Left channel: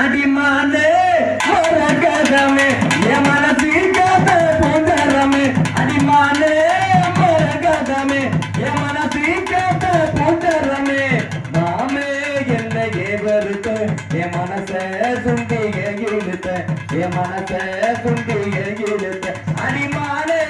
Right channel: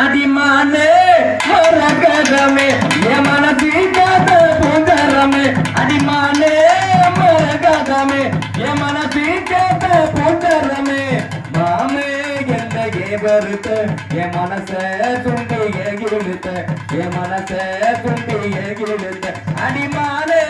அடிமானே மரகதமே என் மனசில் காத்த பூந்தரமே அடிமானே மரகதமே என் மனசில் காத்த பூந்தரமே மாமே என்னை ஏவருத்த என் மனச துண்டி இழுத்த என் மனச துண்டி இழுத்த அடிமானே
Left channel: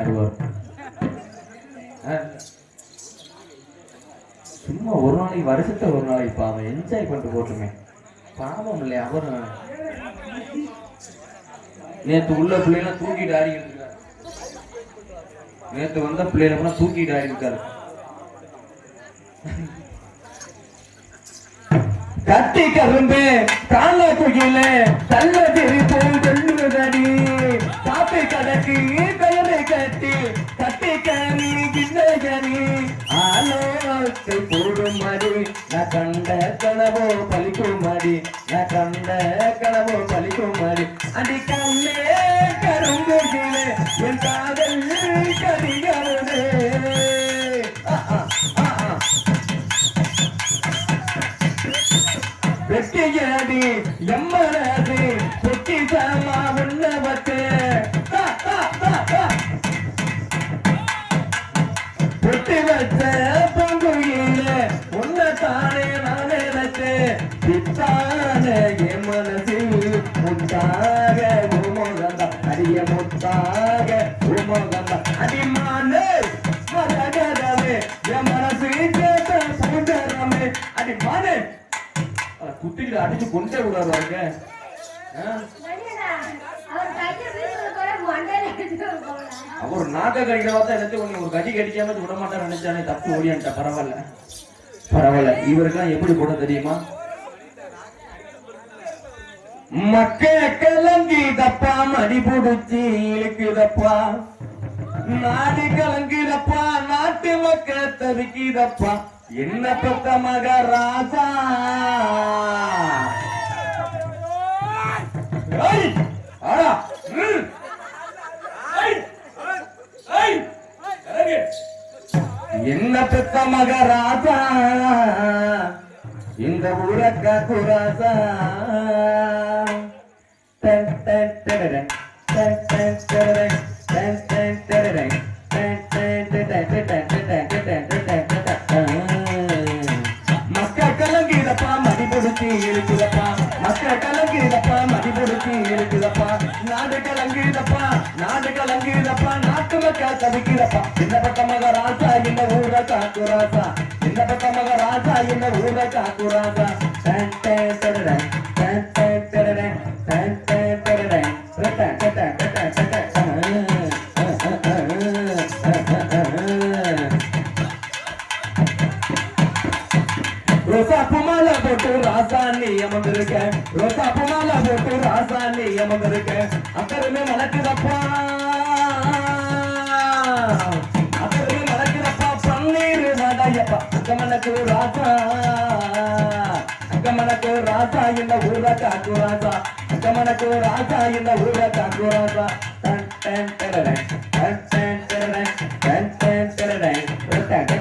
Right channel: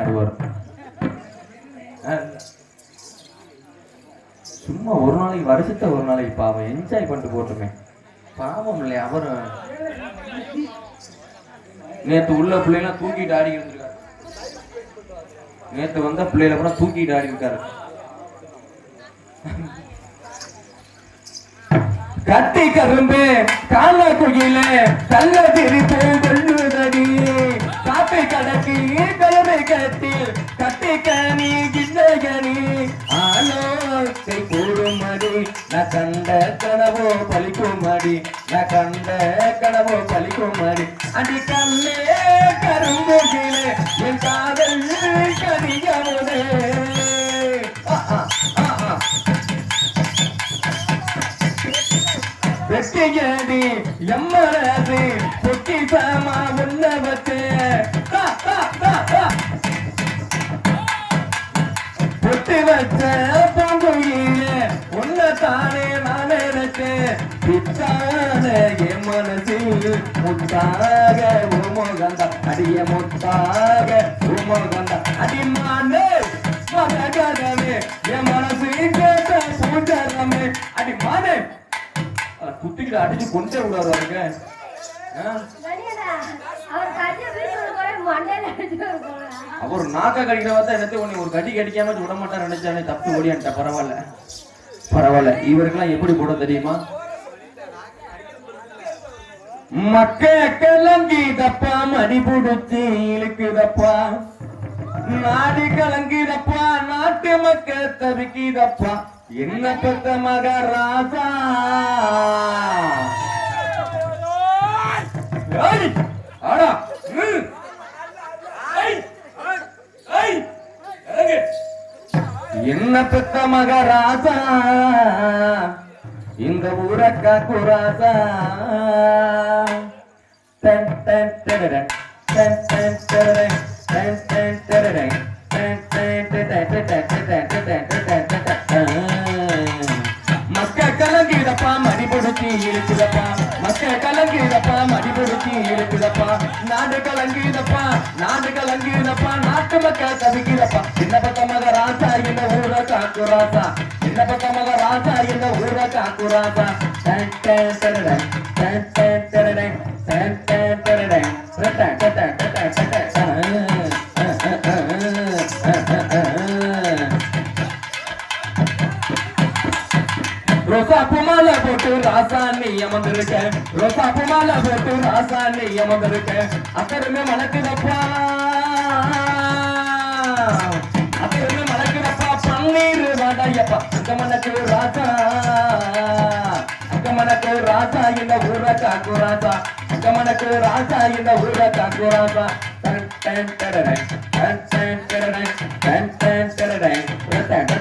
பிடிச்சு மட்டும்தான் ஆடுவார் சும்மா ஒரு நாளைக்கு வருஷத்தை ஒரு நாளைக்கு பாவம் என்ஜாய் பண்ணிட்டு போட்டுமே. பாவம் இல்லையா அவரும் நேத்து உள்ள பிள்ளைலாம் தூக்கிட்டு ஆடிக்கிட்டு இருக்காரு நேத்து வந்த பிள்ளைகளை கூட தூக்கிட்டு ஆடிக்கிட்டு இருக்காரு கட்டி கரும்பு கால குயில கல்ல திரிப்பு ஆலோசை கூடுமடி நான் கண்ட கனவோ பலிக்குமடி நான் கண்ட கனவோ பலிக்குமடி அடி. கண்ணே கரும்புகிலே என் காதல் கரிகவனே ஆ ஆ பொட்டி சாமா வெள்ளவத்து பித்தான என் மனசில் முத்தாக உருமுகந்த அடிய முத்தாக உருமுகந்த. அடிமானே மரகதமே என் மனசு கேட்ட பூண்டரமே அடிமானே. அடிச்சு கொண்டே விடாரு அவருங்க அவர் நாக்க தான் எனக்கு ஒரு கடி கடிக்காம விட மாட்டார் நினைச்சானே தப்பு ஓடியான்ட்ட பரவாயில்ல. பரவாயில்ல. இவருக்கெல்லாம் எப்படி போட தெரியுமா? மக்க கலங்கிதப்பா மடி புடிச்சு இழுக்குதப்பா. நாடு கலங்கிதப்பா நாட்டு மக்க தவிக்கிதப்பா. என்ன பத்த மக ராசா ஆடா என்ன பெத்த மக ராசா? இந்த ஊரக்கா குராசா. டன் டன் டடடன், டன் டன் டடடன், டன் டன் டடடன், டன் டன் டடன் டடன், டடன் டடன் கலங்கிடப்பா மடி பிடிச்சி இழுக்குதப்பா மக்க கலங்கிடப்பா மடி பிடிச்சி இழுக்குதப்பா நாடு கலங்கிடப்பா நாடு கலங்கிடப்பா நாட்டு மக்கள் தவிக்கிறப்பா என்ன புமால போட்டு ராசாணி அமர்ந்திருக்க ரோசா புமால போட்டு ராசாணி அமர்ந்திருக்க அக்கறமே மணக்குதப்பா ராஜா என்ன ஊர தாக்குறாப்பா டன் டன் டரடன் டன் டன் டரடன் டன் டன் டரடன்